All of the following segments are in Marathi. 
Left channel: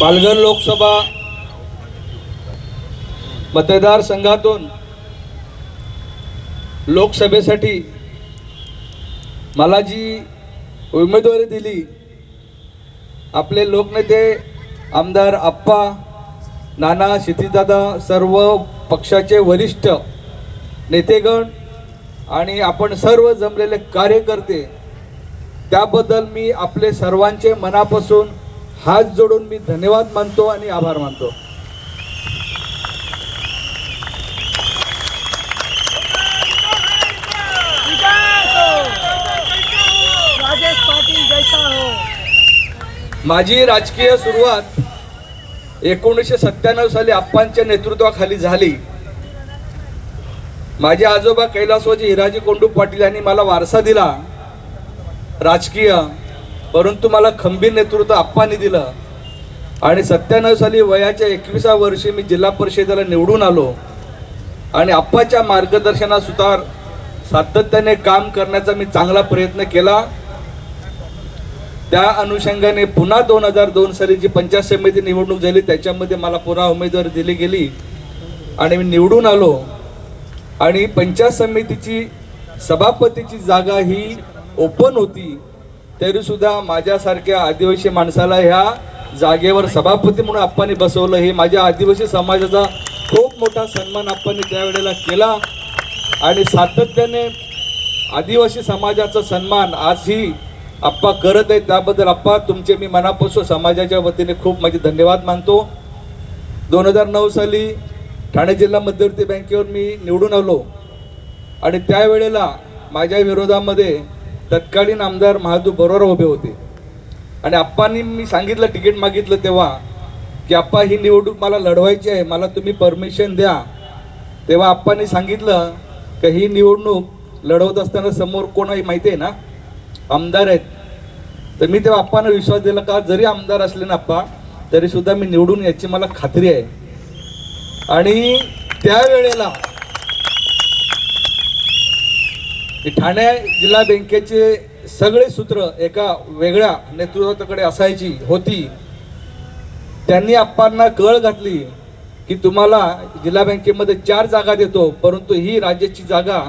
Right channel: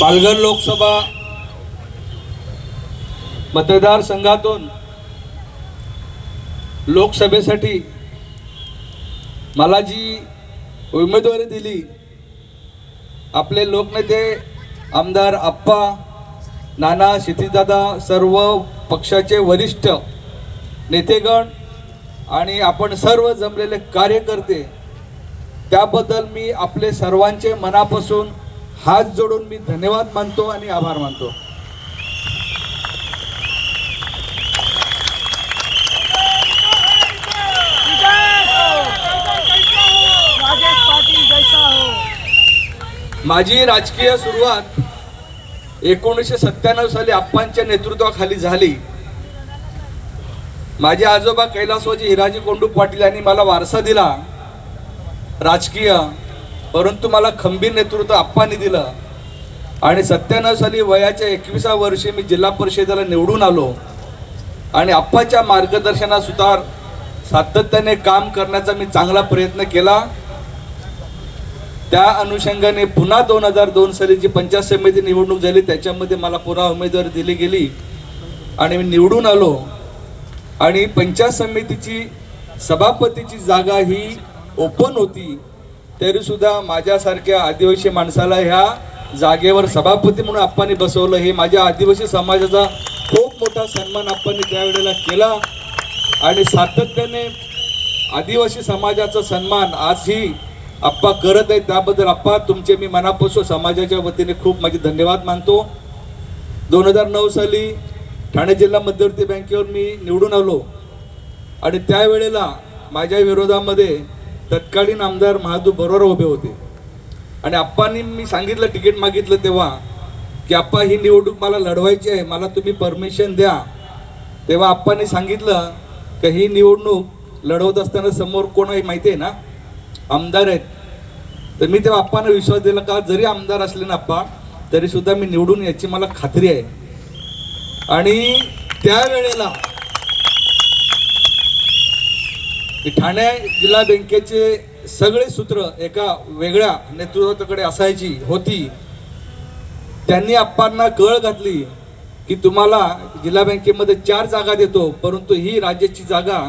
पालघर लोकसभा मतदारसंघातून लोकसभेसाठी मला जी उमेदवारी दिली, आपले लोकनेते आमदार आप्पा, नाना, क्षितिजदादा, सर्व पक्षाचे वरिष्ठ नेतेगण आणि आपण सर्व जमलेले कार्यकर्ते, त्याबद्दल मी आपले सर्वांचे मनापासून हात जोडून मी धन्यवाद मानतो आणि आभार मानतो। माझी राजकीय सुरुवात 1997 साली आप्पांच्या नेतृत्वाखाली झाली। माझे आजोबा कैलासवासी हिराजी कोंडू पाटील यांनी मला वारसा दिला राजकीय, परंतु मला खंबीर नेतृत्व आप्पांनी दिलं आणि 97 साली वयाच्या 21व्या वर्षी मी जिल्हा परिषदेला निवडून आलो आणि आप्पाच्या मार्गदर्शनानुसार सातत्याने काम करण्याचा मी चांगला प्रयत्न केला। त्या अनुषंगाने पुन्हा 2002 साली जी पंचायत समिती निवडणूक झाली त्याच्यामध्ये मला पुन्हा उमेदवारी दिली गेली आणि मी निवडून आलो आणि पंचायत समितीची सभापतीची जागा ही ओपन होती, तरी सुद्धा माझ्यासारख्या आदिवासी माणसाला ह्या जागेवर सभापती म्हणून आप्पांनी बसवलं। हे माझ्या आदिवासी समाजाचा खूप मोठा सन्मान आप्पांनी त्यावेळेला केला आणि सातत्याने आदिवासी समाजाचा सन्मान आजही आप्पा करत आहे। त्याबद्दल आप्पा तुमचे मी मनापासून समाजाच्या वतीने खूप माझे धन्यवाद मानतो। 2009 साली ठाणे जिल्हा मध्यवर्ती बँकेवर मी निवडून आलो आणि त्यावेळेला माझ्या विरोधामध्ये तत्कालीन आमदार महादू बरोबर उभे होते आणि आप्पांनी मी सांगितलं, तिकीट मागितलं तेव्हा की आप्पा ही निवडणूक मला लढवायची आहे, मला तुम्ही परमिशन द्या। तेव्हा आप्पांनी सांगितलं की ही निवडणूक लढवत असताना समोर कोण आहे माहिती आहे ना, आमदार आहेत। तर मी तेव्हा आप्पांना विश्वास दिला का जरी आमदार असले ना आप्पा तरी सुद्धा मी निवडून याची मला खात्री आहे। आणि त्यावेळेला ठाणे जिल्हा बँकेचे सगळे सूत्र एका वेगळ्या नेतृत्वाकडे असायची होती। त्यांनी आप्पांना कळ घातली की तुम्हाला जिल्हा बँकेमध्ये 4 जागा देतो, परंतु ही राज्याची जागा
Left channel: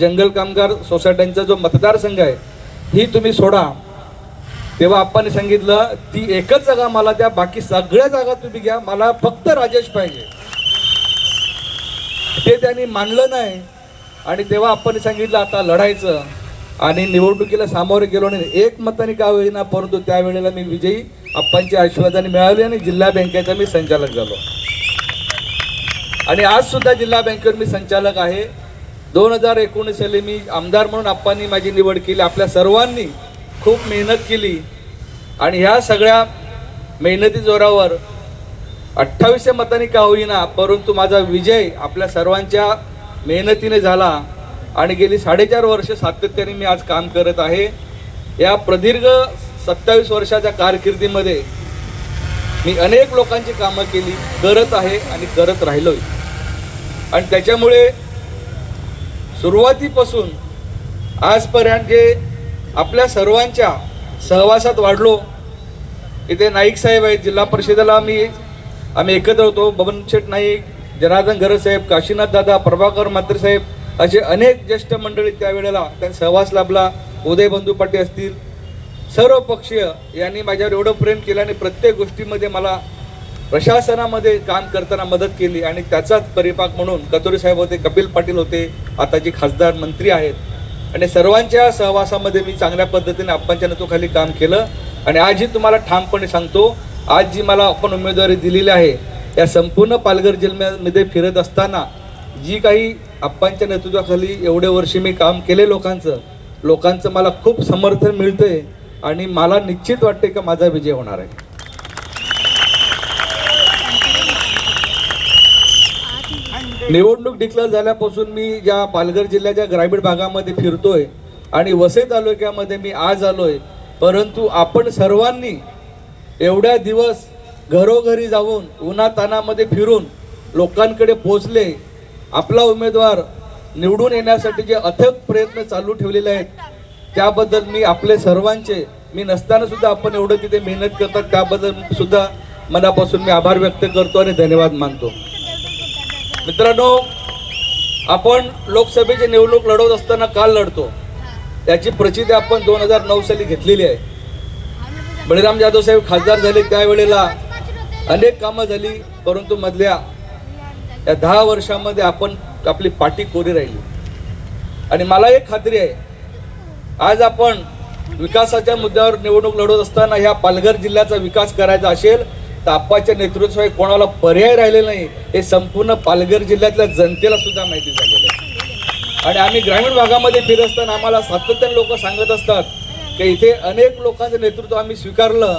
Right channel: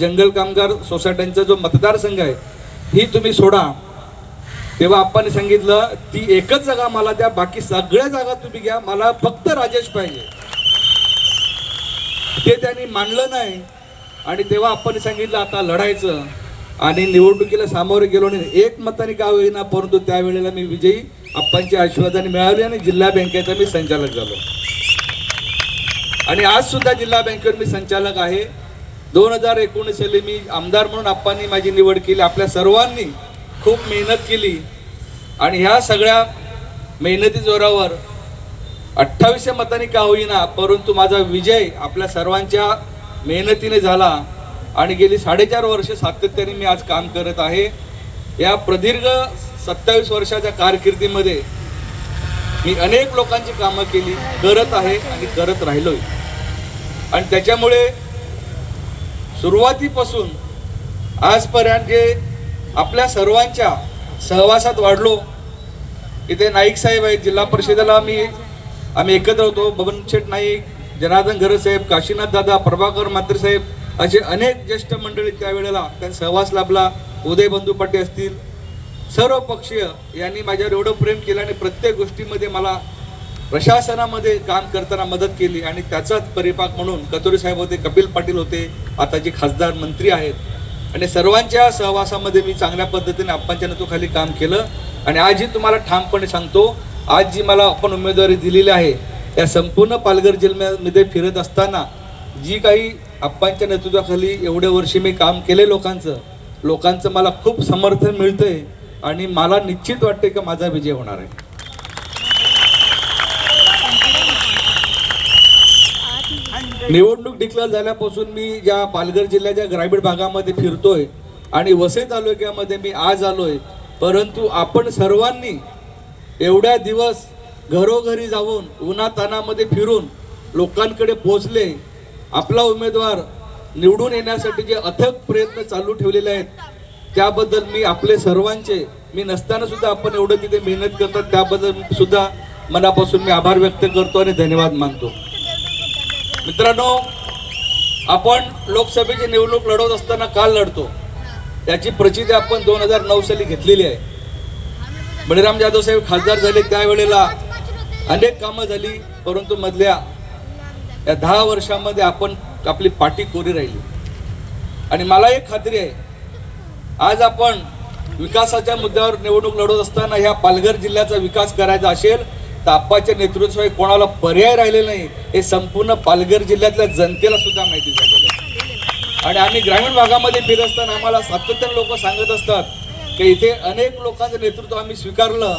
जंगल कामगार सोसायट्यांचा जो मतदारसंघ आहे ही तुम्ही सोडा। तेव्हा आप्पांनी सांगितलं ती एकच जागा मला द्या, बाकी सगळ्या जागा तुम्ही घ्या, मला फक्त राजेश पाहिजे। ते त्यांनी मानलं नाही आणि तेव्हा आप्पांनी सांगितलं आता लढायचं आणि निवडणुकीला सामोरे गेलो नाही, एक मताने का होईना, परंतु त्यावेळेला मी विजयी आप्पांच्या आशीर्वादाने मिळाली आणि जिल्हा बँकेचा मी संचालक झालो आणि आज सुद्धा जिल्हा बँकेवर मी संचालक आहे। 2019 साली मी आमदार म्हणून आप्पांनी माझी निवड केली। आपल्या सर्वांनी खूप मेहनत केली आणि ह्या सगळ्या मेहनती जोरावर 28 मतांनी का होईना, परंतु माझा विजय आपल्या सर्वांच्या मेहनतीने झाला आणि गेली 4.5 वर्ष सातत्याने मी आज काम करत आहे। या प्रदीर्घ 27 वर्षाच्या कारकिर्दीमध्ये मी अनेक लोकांची कामं केली, करत आहे आणि करत राहिलोय आणि त्याच्यामुळे सुरुवातीपासून आजपर्यंत जे आपल्या सर्वांच्या सहवासात वाढलो। इथे नाईक साहेब आहेत, जिल्हा परिषदेला आम्ही एकत्र होतो, बबनशेठ नाईक, जनार्दन घरत साहेब, काशीनाथ दादा, प्रभाकर मंत्री साहेब असे अनेक ज्येष्ठ मंडळी त्यावेळेला त्यांचा सहवास लाभला। उदय बंधू पाटील असतील, सर्व पक्षीय यांनी माझ्यावर एवढं प्रेम केलं आणि प्रत्येक गोष्टीमध्ये मला प्रशासनामध्ये काम करताना मदत केली आणि त्याचाच परिपाक म्हणून कतोरी साहेब होते, कपिल पाटील होते, आता जे खासदार मंत्री आहेत आणि सर्वांच्या सहवासामध्ये मी चांगल्या पद्धतीने आप्पांच्या नेतृत्वाखाली काम केलं आणि आजही तुम्हाला ठामपणे सांगतो, आज जी मला आपण उमेदवारी दिलेली आहे त्या संपूर्ण पालघर जिल्ह्यामध्ये फिरत असताना जी काही आप्पांच्या नेतृत्वाखाली एवढे वर्ष मी काम केले लोकांचं मला खूप समर्थन मिळतंय आणि मला निश्चित वाटते की माझा विजय होणार आहे। निवडणूक डिक्लेअर झाल्यापासून मी ज्या पालघर जिल्ह्याच्या ग्रामीण भागामध्ये फिरतोय आणि वसई तालुक्यामध्ये मी आज आलोय, परंतु आपण सर्वांनी एवढ्या दिवस घरोघरी जाऊन उन्हातानामध्ये फिरून लोकांकडे पोहोचले, आपला उमेदवार निवडून येण्यासाठी जे अथक प्रयत्न चालू ठेवलेले आहेत त्याबद्दल मी आपले सर्वांचे, मी नसताना सुद्धा आपण एवढं तिथे मेहनत करतात त्याबद्दल सुद्धा मनापासून मी आभार व्यक्त करतो आणि धन्यवाद मानतो. मित्रांनो, आपण लोकसभेची निवडणूक लढवत असताना का लढतो याची प्रचिती आपण 2009 साली घेतलेली आहे. बळीराम जाधव साहेब खासदार झाले त्यावेळेला अनेक कामं झाली, परंतु मधल्या या 10 वर्षामध्ये आपण आपली पाठी कोरी राहिली. आणि मला एक खात्री आहे, आज आपण विकासाच्या मुद्द्यावर निवडणूक लढवत असताना ह्या पालघर जिल्ह्याचा विकास करायचा असेल तर आप्पाच्या नेतृत्वाशिवाय कोणाला पर्याय राहिलेला नाही हे संपूर्ण पालघर जिल्ह्यातल्या जनतेला सुद्धा माहिती झालेलं आहे. आणि आम्ही ग्रामीण भागामध्ये फिरत असताना आम्हाला सातत्याने लोक सांगत असतात की इथे अनेक लोकांचं नेतृत्व आम्ही स्वीकारलं,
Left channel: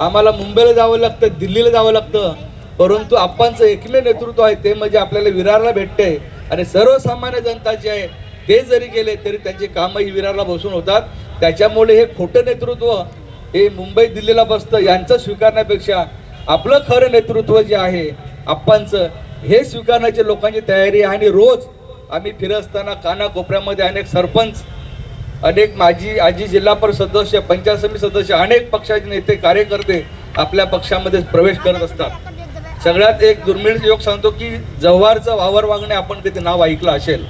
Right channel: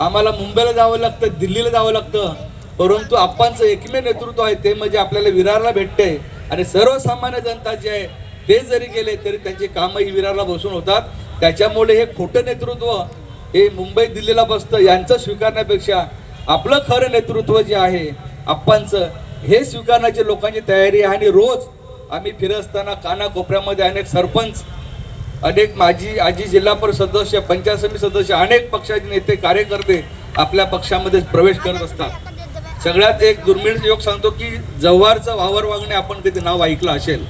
आम्हाला मुंबईला जावं लागतं, दिल्लीला जावं लागतं, परंतु आप्पांचं एकमेव नेतृत्व आहे ते म्हणजे आपल्याला विरारला भेटते. आणि सर्वसामान्य जनता जी आहे ते जरी गेले तरी त्यांची कामही विरारला बसून होतात. त्याच्यामुळे हे खोटं नेतृत्व हे मुंबई दिल्लीला बसतं यांचं स्वीकारण्यापेक्षा आपलं खरं नेतृत्व जे आहे आप्पांचं हे स्वीकारण्याची लोकांची तयारी आहे. आणि रोज आम्ही फिरत असताना कानाकोपऱ्यामध्ये अनेक सरपंच, अनेक माजी आजी जिल्हा परिषद सदस्य, पंचायत समिती सदस्य, अनेक पक्षाचे नेते कार्यकर्ते आपल्या पक्षामध्ये प्रवेश करत असतात. सगळ्यात एक दुर्मिळ योग सांगतो की जव्हारचं वावर वागणे आपण कधी नाव ऐकलं असेल.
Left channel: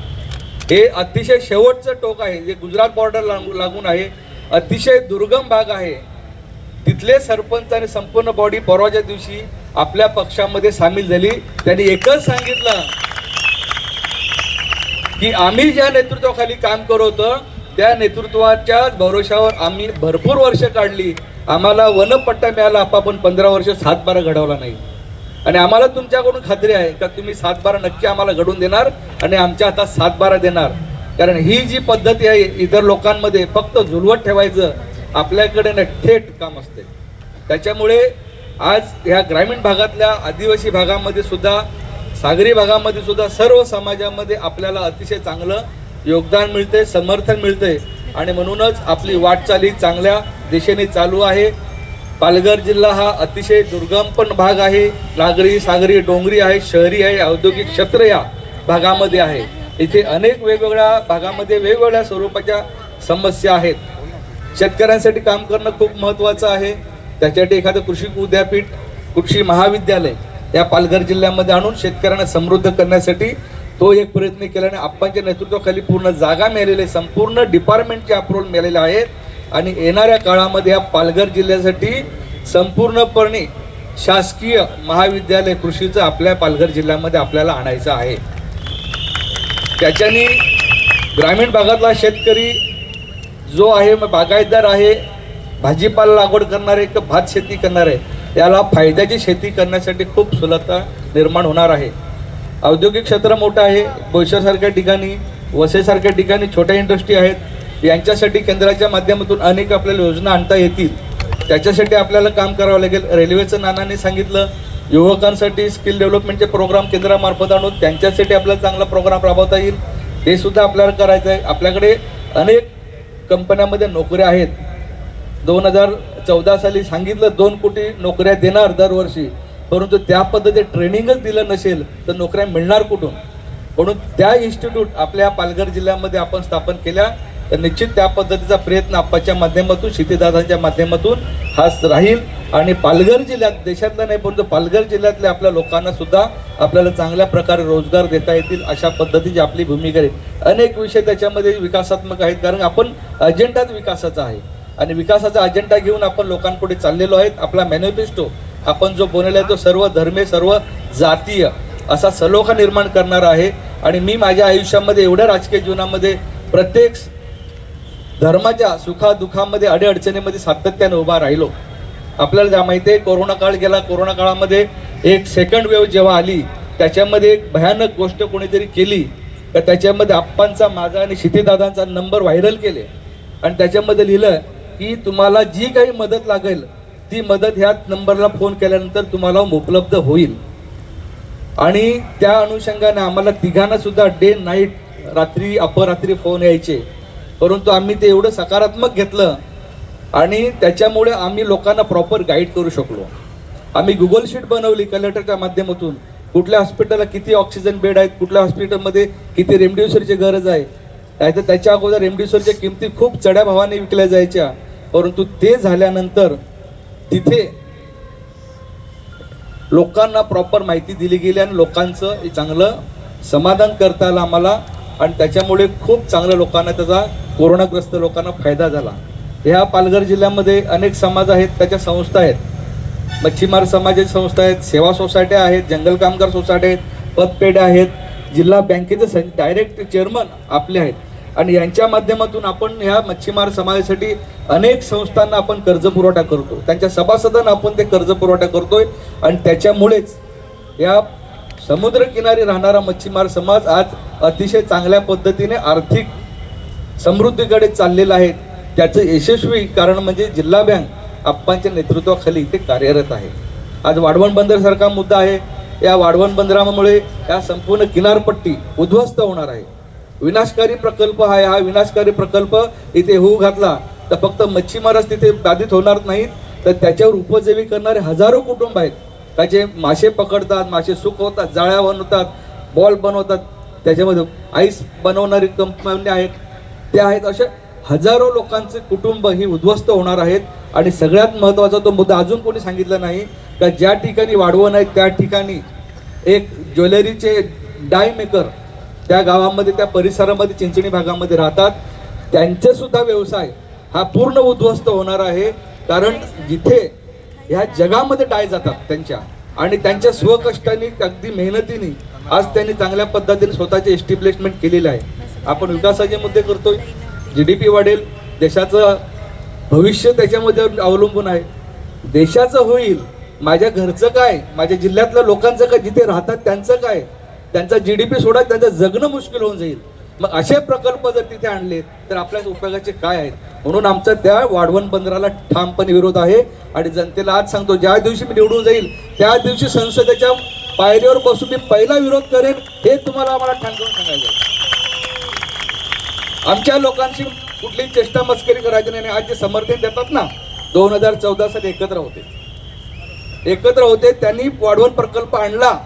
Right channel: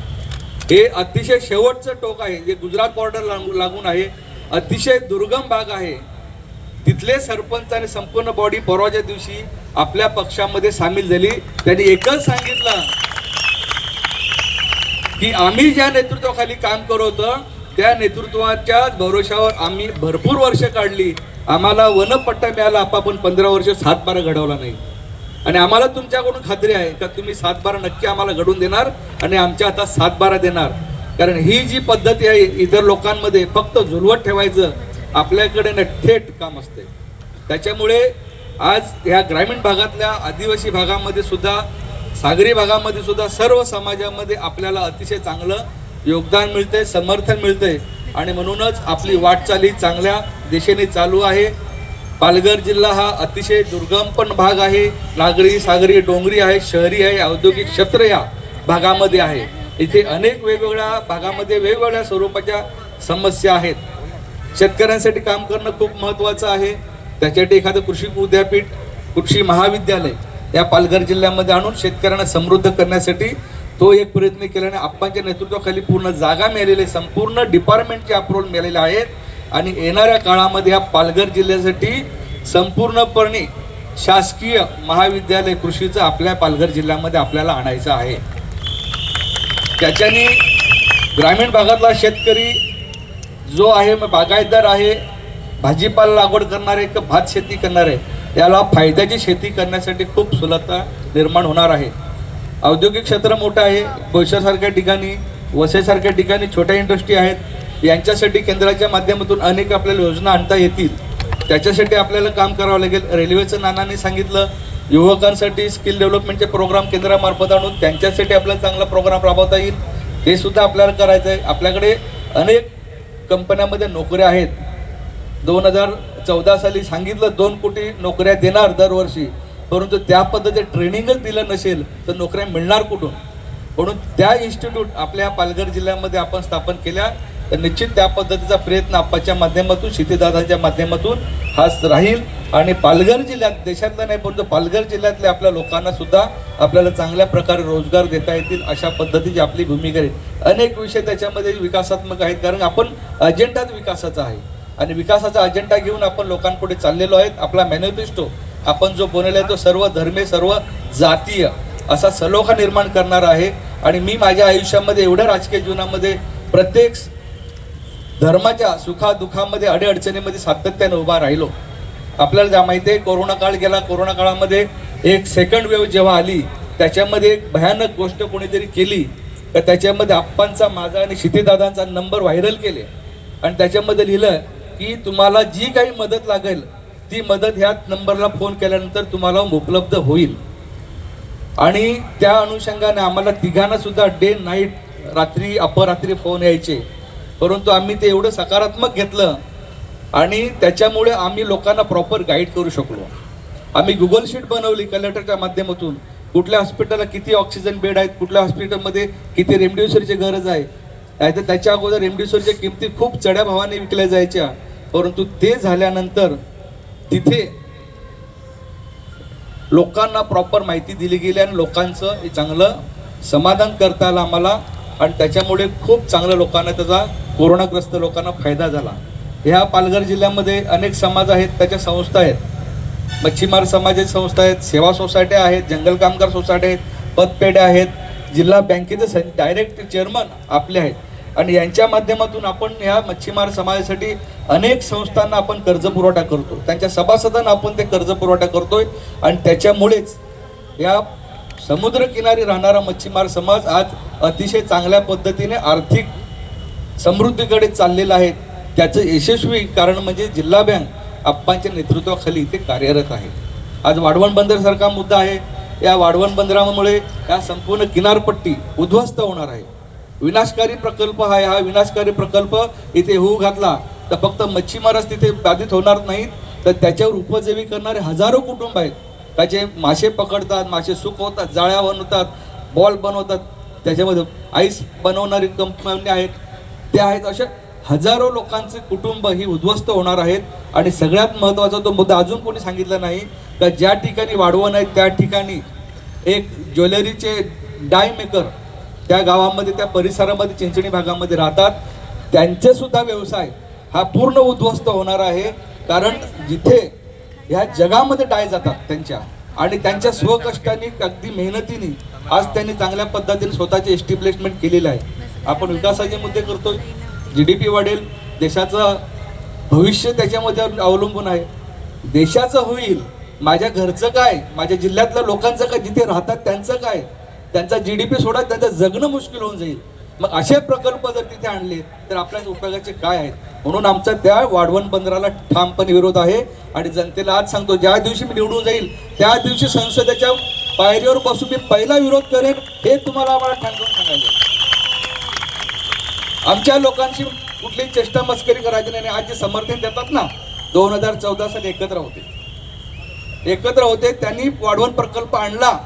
हे अतिशय शेवटचं टोक आहे जे गुजरात बॉर्डर लागून आहे, अतिशय दुर्गम भाग आहे. तिथले सरपंच आणि संपूर्ण बॉडी परवाच्या दिवशी आपल्या पक्षामध्ये सामील झाली. त्यांनी एकच सांगितलं की आम्ही ज्या नेतृत्वाखाली काम करत होतो त्या नेतृत्वाच्या भरोशावर आम्ही भरपूर वर्ष काढली, आम्हाला वनपट्टा मिळाला, आपण 15 वर्ष 7-12 घडवला नाही. आणि आम्हाला तुमच्याकडून खात्री आहे का तुम्ही 7-12 नक्की आम्हाला घडून देणार आणि आमच्या हातात 7-12 देणार. कारण ही जी पद्धती आहे इतर लोकांमध्ये फक्त झुलवत ठेवायचं, आपल्याकडे थेट काम असते. त्याच्यामुळे आज ह्या ग्रामीण भागातल्या आदिवासी भागामध्ये सुद्धा, सागरी भागामध्ये सुद्धा सर्व समाजामध्ये आपल्याला अतिशय चांगलं योगदान मिळते, समर्थन मिळते. आणि म्हणूनच आपली वाटचाल ही चांगल्या दिशेने चालू आहे. पालघर जिल्हा हा अतिशय दुर्गम पण भाग आहे, नागरी, सागरी, डोंगरी आहे, शहरी आहे, औद्योगिक क्षेत्र या भागामध्ये आहे. इथे अनेक वेगवेगळ्या भागामध्ये वेगवेगळ्या स्वरूपाच्या समस्या आहेत. शेतकऱ्यांसाठी काम करणं खूप महत्त्वाचं आहे. त्याच्यासाठी एखादं कृषी विद्यापीठ, कृषी महाविद्यालय या पालघर जिल्ह्यामध्ये आणून शेतकऱ्यांना समृद्ध करण्यासाठी तो एक प्रयत्न केल्याने आप्पांच्या नेतृत्वाखाली पूर्ण जागा मिळालेली, संपूर्ण डिपार्टमेंटचे अप्रूव्हल मिळालेले आहेत. आणि येणाऱ्या काळामध्ये या पालघर जिल्ह्यासाठी संपूर्णपणे शासकीय महाविद्यालय कृषीचं आपल्या पालघर जिल्ह्यामध्ये आपल्याला आणायचं आहे. त्याच्याने ग्रामीण भागातला शेतकरी जो आहे, बागायतदार आहे, भाजीपाला लागवड करणारे, भात शेती करणारे, याला फायद्याची शेती करण्यासाठी खूप सुलभता निर्माण होणार आहे. औद्योगिक क्षेत्र मोठं आहे. बोईसरसारख्या ठिकाणी, वसईसारख्या ठिकाणी छोट्या इंडस्ट्री आहेत. यांच्यासाठी केंद्राच्या माध्यमातून अनेक आपल्याला योजना आणता येतील. त्याच्यासाठी आपल्याला काम करावं लागेल. रेल्वेचं नानांनी सांगितलं, युवकांसाठी स्किल डेव्हलपमेंटचे प्रोग्राम केंद्रामार्फत आणून त्यांच्यासाठी आपल्याला चांगला प्रोग्राम राबवता येईल, हे सुद्धा आपल्याला करायचं आहे. आपल्याकडे अनेक कंपन्यांमध्ये नोकऱ्या आहेत. 2014 साली सांगितलं 2 कोटी नोकऱ्या देणार दरवर्षी, परंतु त्या पद्धतीने ट्रेनिंगच दिलं नसेल तर नोकऱ्या मिळणार कुठून. म्हणून त्या इन्स्टिट्यूट आपल्या पालघर जिल्ह्यामध्ये आपण स्थापन केल्या तर निश्चित त्या पद्धतीचा प्रयत्न आप्पाच्या माध्यमातून, शितेदादांच्या माध्यमातून हाच राहील. आणि पालघर जिल्ह्यात, देशातला नाही परंतु पालघर जिल्ह्यातल्या आपल्या लोकांना सुद्धा आपल्याला चांगल्या प्रकारे रोजगार देता येतील अशा पद्धतीची आपली भूमिका आहे. अनेक विषय त्याच्यामध्ये विकासात्मक आहेत, कारण आपण अजेंडाच विकासाचा आहे आणि विकासाचा अजेंडा घेऊन आपण लोकांपुढे चाललेलो आहेत. आपला मॅनिफेस्टो आपण जो बनवला तो सर्व धर्मे, सर्व जातीय असा सलोखा निर्माण करणारा आहे. आणि मी माझ्या आयुष्यामध्ये एवढ्या राजकीय जीवनामध्ये प्रत्येक धर्माच्या सुखादुखामध्ये, अडीअडचणीमध्ये सातत्याने उभा राहिलो. आपल्याला माहिती आहे कोरोना काळ गेला, कोरोना काळामध्ये एक सेकंड वेव्ह जेव्हा आली त्याच्यामध्ये एक भयानक गोष्ट कोणीतरी केली तर त्याच्यामध्ये आप्पांचा, माझा आणि शितेदादांचा नंबर व्हायरल केले आणि त्याच्यामध्ये लिहिलं की तुम्हाला जी काही मदत लागेल ती मदत ह्या नंबरला फोन केल्यानंतर तुम्हाला उपलब्ध होईल. आणि त्या अनुषंगाने आम्हाला तिघांना सुद्धा डे नाईट, रात्री अपरात्री फोन यायचे, परंतु आम्ही ते एवढं सकारात्मक घेतलं आणि त्याच्यामुळे आम्ही लोकांना प्रॉपर गाईड करू शकलो. आम्ही गुगल शीट बनवली कलेक्टरच्या माध्यमातून, कुठल्या हॉस्पिटलला किती ऑक्सिजन बेड आहेत, कुठल्या हॉस्पिटलमध्ये किती रेमडेसिवीरची गरज आहे. नाहीतर त्याच्या अगोदर रेमडेसिवीरच्या किमती खूप चढ्या भावाने विकल्या जायच्या, परंतु ते झाल्यानंतर तिथे लोकांना प्रॉपर माहिती दिली गेली आणि लोकांचं हे चांगलं समाधान करता आलं आम्हाला आणि त्याच्यामुळे खूप चांगल्या लोकांना त्याचा कोरोनाग्रस्त लोकांना फायदा झाला. ह्या पालघर जिल्ह्यामध्ये अनेक समाज आहेत, त्याच्या संस्था आहेत, मच्छीमार समाजाची संस्था आहेत, सेवा सोसायट्या आहेत, जंगल कामगार सोसायटी आहेत, पतपेढ्या आहेत, जिल्हा बँकेचे डायरेक्ट चेअरमन आपले आहेत आणि यांच्या माध्यमातून आपण या मच्छीमार समाजासाठी अनेक संस्थांना आपण कर्ज पुरवठा करतो, त्यांच्या सभासदांना आपण ते कर्ज पुरवठा करतोय आणि त्याच्यामुळेच या समुद्रकिनारी राहणारा मच्छीमार समाज आज अतिशय चांगल्या पद्धतीने आर्थिक समृद्धीकडे चाललेला आहे. त्याचं यशस्वी कारण म्हणजे जिल्हा बँक आप्पांच्या नेतृत्वाखाली इथे कार्यरत आहे. आज वाढवण बंदरासारखा मुद्दा आहे. या वाढवण बंदरामुळे या संपूर्ण किनारपट्टी उद्ध्वस्त होणार आहे. विनाशकारी प्रकल्प हा विनाशकारी प्रकल्प इथे होऊ घातला तर फक्त मच्छीमारच तिथे बाधित होणार नाहीत, तर त्याच्यावर उपजीवी करणारे हजारो कुटुंब आहेत. त्याचे मासे पकडतात, मासे सुकवतात, जाळ्या बनवतात, बॉल बनवतात, त्याच्यामध्ये आईस बनवणारी कंपनी आहेत, त्या आहेत. अशा हजारो लोकांचे कुटुंब ही उद्ध्वस्त होणार आहेत. आणि सगळ्यात महत्त्वाचा तो मुद्दा अजून कोणी सांगितला नाही का ज्या ठिकाणी वाढवण आहे त्या ठिकाणी एक ज्वेलरीचे डाय मेकर त्या गावामध्ये, त्या परिसरामध्ये, चिंचणी भागामध्ये राहतात, त्यांचे सुद्धा व्यवसाय हा पूर्ण उद्ध्वस्त होणार आहे. कारण जिथे ह्या जगामध्ये डाय जातात त्यांच्या आणि त्यांच्या स्वकष्टाने अगदी मेहनतीने आज त्यांनी चांगल्या पद्धतीने स्वतःचे एस्टॅब्लिशमेंट केलेले आहे. आपण विकासाचे मुद्दे करतोय, GDP वाढेल, देशाचं भविष्य त्याच्यामध्ये अवलंबून आहे. देशाचं होईल, माझ्या घरचं काय, माझ्या जिल्ह्यातल्या लोकांचं काय, जिथे राहतात त्यांचं काय, त्यांचा GDP सोडा, त्यांचं जगणं मुश्किल होऊन जाईल. मग असे प्रकल्प जर तिथे आणले तर आपल्या उपयोगाचे काय आहेत. म्हणून आमचा त्या वाढवण बंदराला ठामपणे विरोध आहे. आणि जनतेला आज सांगतो, ज्या दिवशी मी निवडून जाईल त्या दिवशी संसदेच्या पायरीवर बसून मी पहिला विरोध करेन, हे तुम्हाला आम्हाला ठाम सांगायचं. आमच्या लोकांची कुठलीही चेष्टा मस्करी करायची नाही. आज जे समर्थन देतात ना, 2014 साली एकत्र होते, त्यांनी वाढवण प्रकल्प आणला,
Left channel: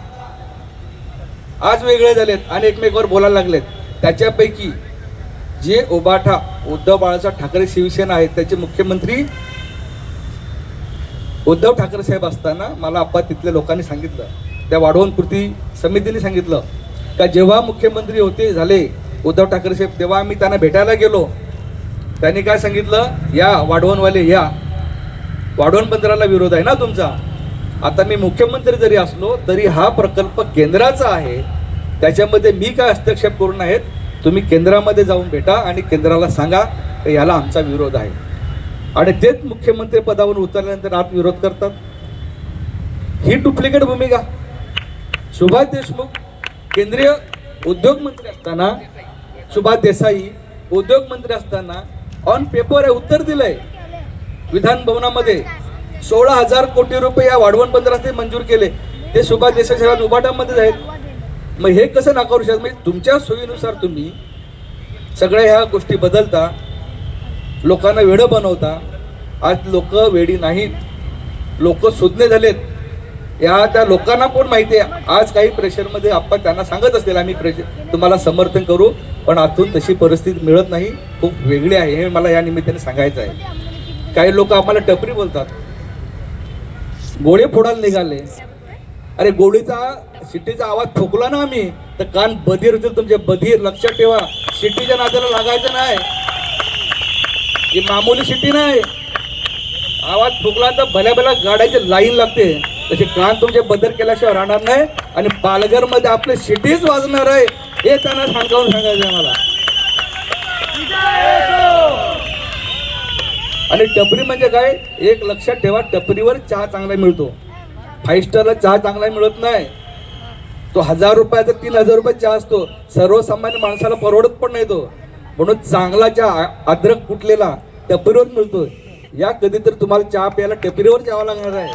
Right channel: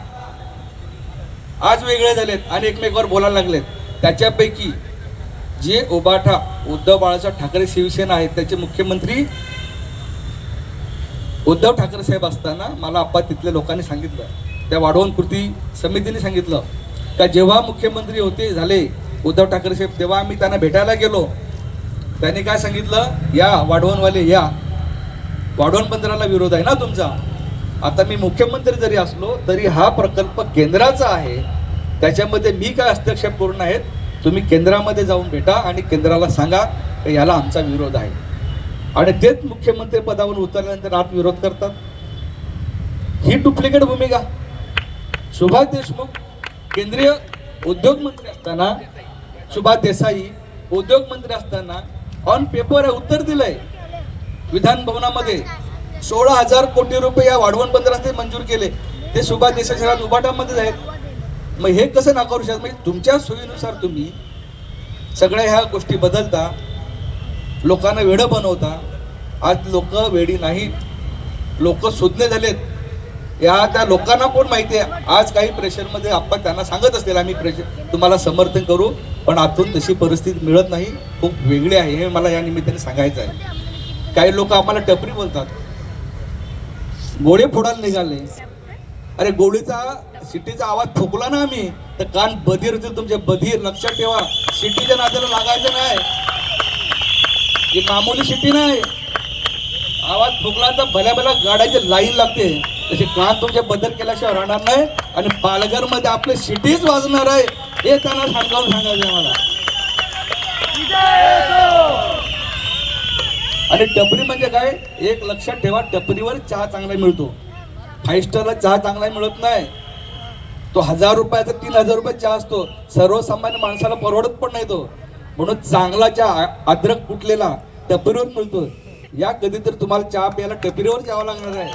आज वेगळे झालेत आणि एकमेकावर बोलायला लागलेत. त्याच्यापैकी जे उभाटा उद्धव बाळासाहेब ठाकरे शिवसेना आहेत, त्याचे मुख्यमंत्री उद्धव ठाकरे साहेब असताना मला आप्पा तिथल्या लोकांनी सांगितलं, त्या वाढवण कृती समितीने सांगितलं का जेव्हा मुख्यमंत्री होते झाले उद्धव ठाकरे साहेब, तेव्हा आम्ही त्यांना भेटायला गेलो. त्यांनी काय सांगितलं, या वाढवणवाले या, वाढवण बंदराला विरोध आहे ना तुमचा. आता मी मुख्यमंत्री जरी असलो तरी हा प्रकल्प केंद्राचा आहे, त्याच्यामध्ये मी काय हस्तक्षेप करू नयेत. तुम्ही केंद्रामध्ये जाऊन भेटा आणि केंद्राला सांगा याला आमचा विरोध आहे. आणि तेच मुख्यमंत्री पदावर उतरल्यानंतर आज विरोध करतात. ही डुप्लिकेट भूमिका. सुभाष देशमुख केंद्रीय उद्योग मंत्री असताना, सुभाष देसाई उद्योग मंत्री असताना ऑन पेपर आहे उत्तर दिलंय विधान भवनामध्ये. 16,000 कोटी रुपये या वाढवण बंदराचे मंजूर केले, ते सुभाष देसाई साहेब उभाटामध्येच आहेत. मग हे कसं नाकारू शकत. म्हणजे तुमच्या सोयीनुसार तुम्ही सगळ्या ह्या गोष्टी बदलता, लोकांना वेडं बनवता. आज लोक वेडी नाहीत, लोक सुज्ञ झालेत. या त्या लोकांना पण माहिती आहे. आज काही प्रेशरमध्ये आपण त्यांना सांगत असतील आम्ही तुम्हाला समर्थन करू, पण आतून तशी परिस्थिती मिळत नाही, खूप वेगळी आहे. हे मला या निमित्ताने सांगायचं आहे. काही लोक आम्हाला टपरी बोलतात, गोळे फोडायला निघाले. अरे गोळीचा शिट्टीचा आवाज ठोकला ना आम्ही तर कान बधीर होतील तुमचे, बधीर. लक्षात ठेवा, शिट्टीच्या नात्याला लागायचं नाही, ही मामूली शिट्टी नाही. आवाज ठोकला तर भल्या भल्या गाड्याची लाईन लागते, तसे कान तुमचे बदल केल्याशिवाय राहणार नाही. आणि पालघरमध्ये आपली शिट्टीच वाजणार आहे, हे त्यांना सांगावून सांगायचं मला. आणि टपरी म्हणजे काय, एक लक्षात ठेवा, टपरीवर चहा चांगला मिळतो, 5 स्टारला चहा चांगला मिळत नाही. तो 1000 रुपयाचा 3000 रुपये चहा असतो, सर्वसामान्य माणसाला परवडत पण नाही तो. म्हणून चांगला चहा अद्रक कुटलेला टपरीवर मिळतो. या कधी तर तुम्हाला चहा प्यायला टपरीवर जावं लागणार आहे.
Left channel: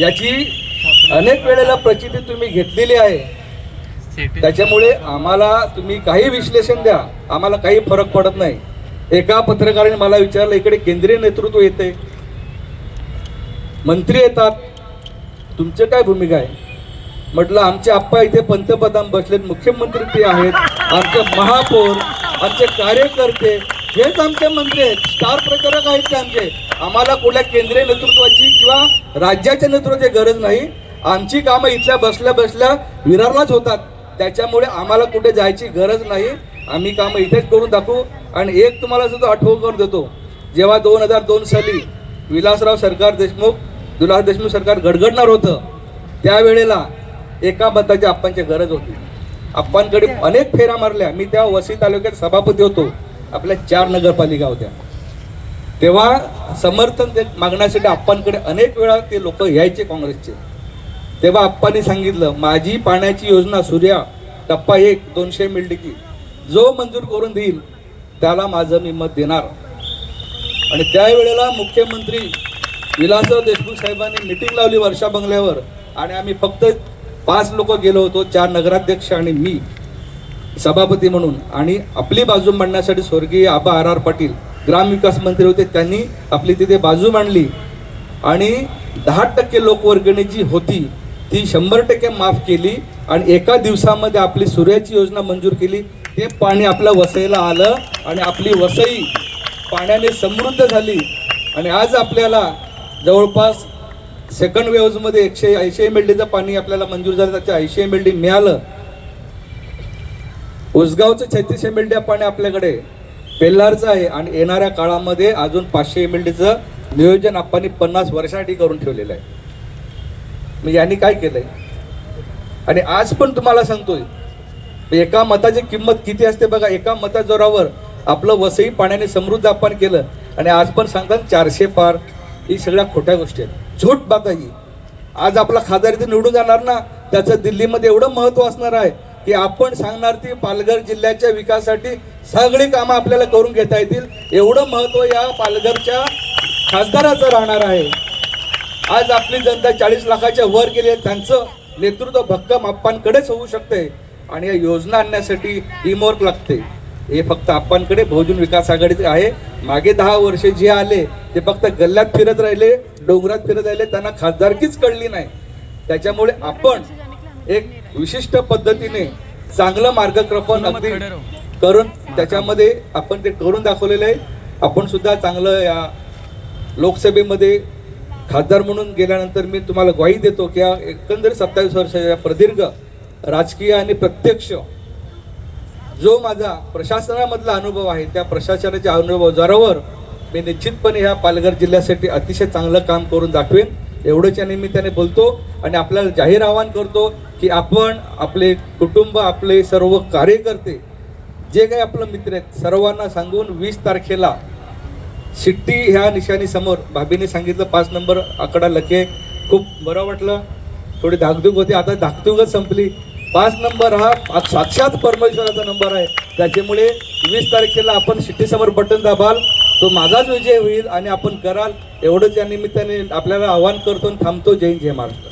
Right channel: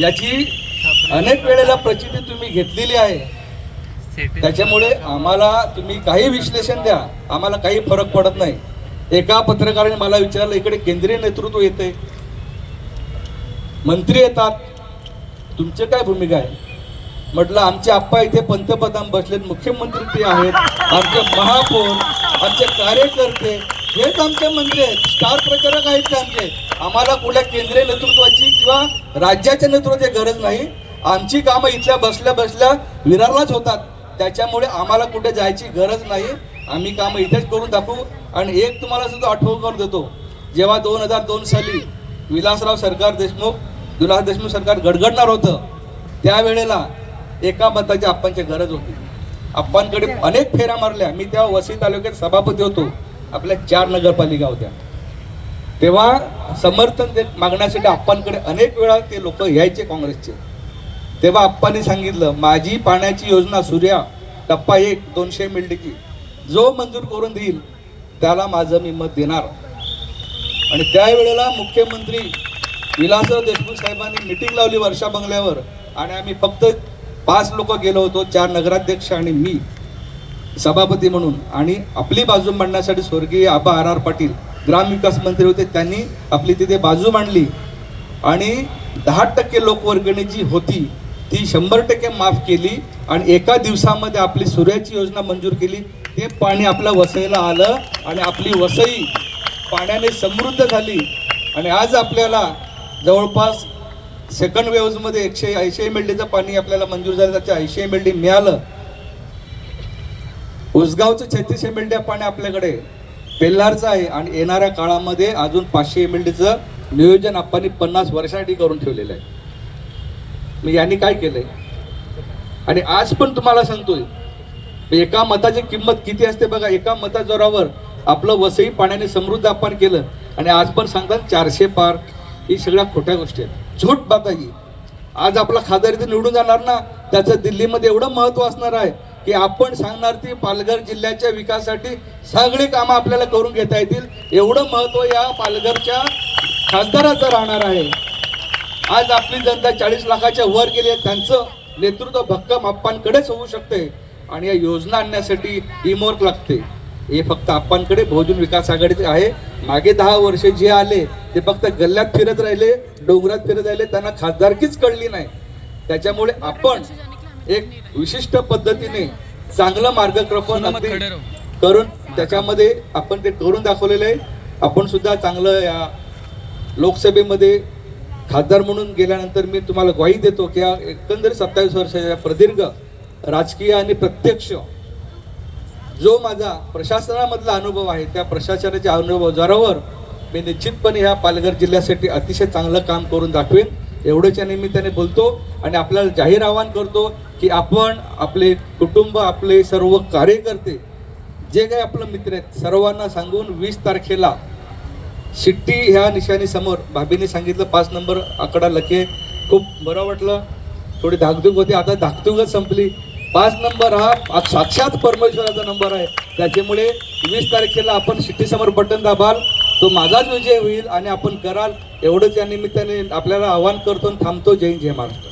याची अनेक वेळेला प्रचिती तुम्ही घेतलेली आहे. त्याच्यामुळे आम्हाला तुम्ही काही विश्लेषण द्या, आम्हाला काही फरक पडत नाही. एका पत्रकाराने मला विचारलं, इकडे केंद्रीय नेतृत्व येते, मंत्री येतात, तुमची काय भूमिका आहे. म्हटलं आमचे आप्पा इथे पंतप्रधान बसलेत, मुख्यमंत्री ते आहेत, आमचे महापौर, आमचे कार्यकर्ते हेच आमचे मंत्री आहेत, स्टार प्रचारक आहेत ते आमचे. आम्हाला कुठल्या केंद्रीय नेतृत्वाची किंवा राज्याच्या नेतृत्वाची गरज नाही. आमची कामं इथल्या बसल्या बसल्या विरारलाच होतात. त्याच्यामुळे आम्हाला कुठे जायची गरज नाही. आम्ही कामं इथेच करून दाखवू. आणि एक तुम्हाला सुद्धा आठवण करून देतो, जेव्हा 2002 साली विलासराव देशमुख सरकार गडगडणार होतं, त्यावेळेला एका मताची आप्पांची गरज होती. आप्पांकडे अनेक फेऱ्या मारल्या. मी तेव्हा वसई तालुक्यात सभापती होतो. आपल्या 4 नगरपालिका होत्या. तेव्हा समर्थन मागण्यासाठी आप्पांकडे अनेक वेळा ते लोक यायचे काँग्रेसचे. तेव्हा आप्पांनी सांगितलं, माझी पाण्याची योजना सूर्या टप्पा 1 200 मिल्डिकी जो मंजूर करून देईल त्याला माझं मी मत देणार. आणि त्यावेळेला मुख्यमंत्री विलासराव देशमुख साहेबांनी मिटिंग लावली वर्षा बंगल्यावर. आणि आम्ही फक्त 5 लोक गेलो होतो, 4 नगराध्यक्ष आणि मी सभापती म्हणून. आणि आपली बाजू मांडण्यासाठी स्वर्गीय आबा RR पाटील ग्रामविकास मंत्री होते, त्यांनी आपली तिथे बाजू मांडली. आणि 10% लोकवर्गणी जी होती ती 100% माफ केली. आणि एका दिवसामध्ये आपली सूर्याची योजना मंजूर केली. ते पाणी आपल्या वसईला आलं आणि आपली वसई पाण्याने समृद्ध झाली. आणि आज आपल्याला जवळपास सेकंड वेव्हमध्ये 180 MLDचं पाणी आपल्याला मंजूर झालं. त्याच्या 80 MLD मिळालं. उसगावचं 36 MLD पाणी आपल्याकडे पेल्लारचं आहे. आणि येणाऱ्या काळामध्ये अजून 500 MLDचं नियोजन आपण 50 वर्षासाठी करून ठेवलेलं आहे. मग यांनी काय केलंय? आणि आज पण तुम्हाला सांगतोय, एका मताची किंमत किती असते बघा. एका मताजोरावर आपलं वसई पाण्याने समृद्ध आपण केलं. आणि आज पण सांगतात 400 पार. ही सगळ्या खोट्या गोष्टी आहेत, झूट बात आहे. आज आपला खासदार इथे निवडून जाणार ना, त्याचं दिल्लीमध्ये एवढं महत्व असणार आहे की आपण सांगणार ती पालघर जिल्ह्याच्या विकासासाठी सगळी कामं आपल्याला करून घेता येतील. एवढं महत्व या पालघरच्या खासदाराचं राहणार आहे. आज आपली जनता 40 लाखाच्या वर गेली. त्यांचं नेतृत्व भक्कम आप्पांकडेच होऊ शकते. आणि या योजना आणण्यासाठी टीमवर्क लागते. हे फक्त आप्पांकडे बहुजन विकास आघाडीचे आहे. मागे 10 वर्षे जे आले ते फक्त गल्ल्यात फिरत राहिले, डोंगरात फिरत राहिले, त्यांना खासदारकीच कळली नाही. त्याच्यामुळे आपण एक विशिष्ट पद्धतीने चांगलं मार्गक्रमण अगदी करून त्याच्यामध्ये आपण ते करून दाखवलेलं आहे. आपण सुद्धा चांगलं या लोकसभेमध्ये खासदार म्हणून गेल्यानंतर मी तुम्हाला ग्वाही देतो की एकंदरीत 27 वर्षाच्या प्रदीर्घ राजकीय आणि प्रत्यक्ष जो माझा प्रशासनामधला अनुभव आहे, त्या प्रशासनाच्या अनुभवावर मी निश्चितपणे ह्या पालघर जिल्ह्यासाठी अतिशय चांगलं काम करून दाखवेन. एवढंच्या निमित्ताने बोलतो. आणि आपल्याला जाहीर आवाहन करतो की आपण, आपले कुटुंब, आपले सर्व कार्यकर्ते, जे काही आपलं मित्र आहेत, सर्वांना सांगून 20 तारखेला शिट्टी ह्या निशाणीसमोर, भाभीने सांगितलं 5 नंबर आकडा लके, खूप बरं वाटलं. थोडी धाकधूक होती, आता धाकधूकच संपली. 5 नंबर हा साक्षात परमेश्वराचा नंबर आहे. त्याच्यामुळे 20 तारखेला आपण शिट्टीसमोर बटन दाबाल, तो माझाच विजय होईल आणि आपण कराल. एवढंच या निमित्ताने आपल्याला आवाहन करतो आणि थांबतो. जय हिंद, जय महाराष्ट्र.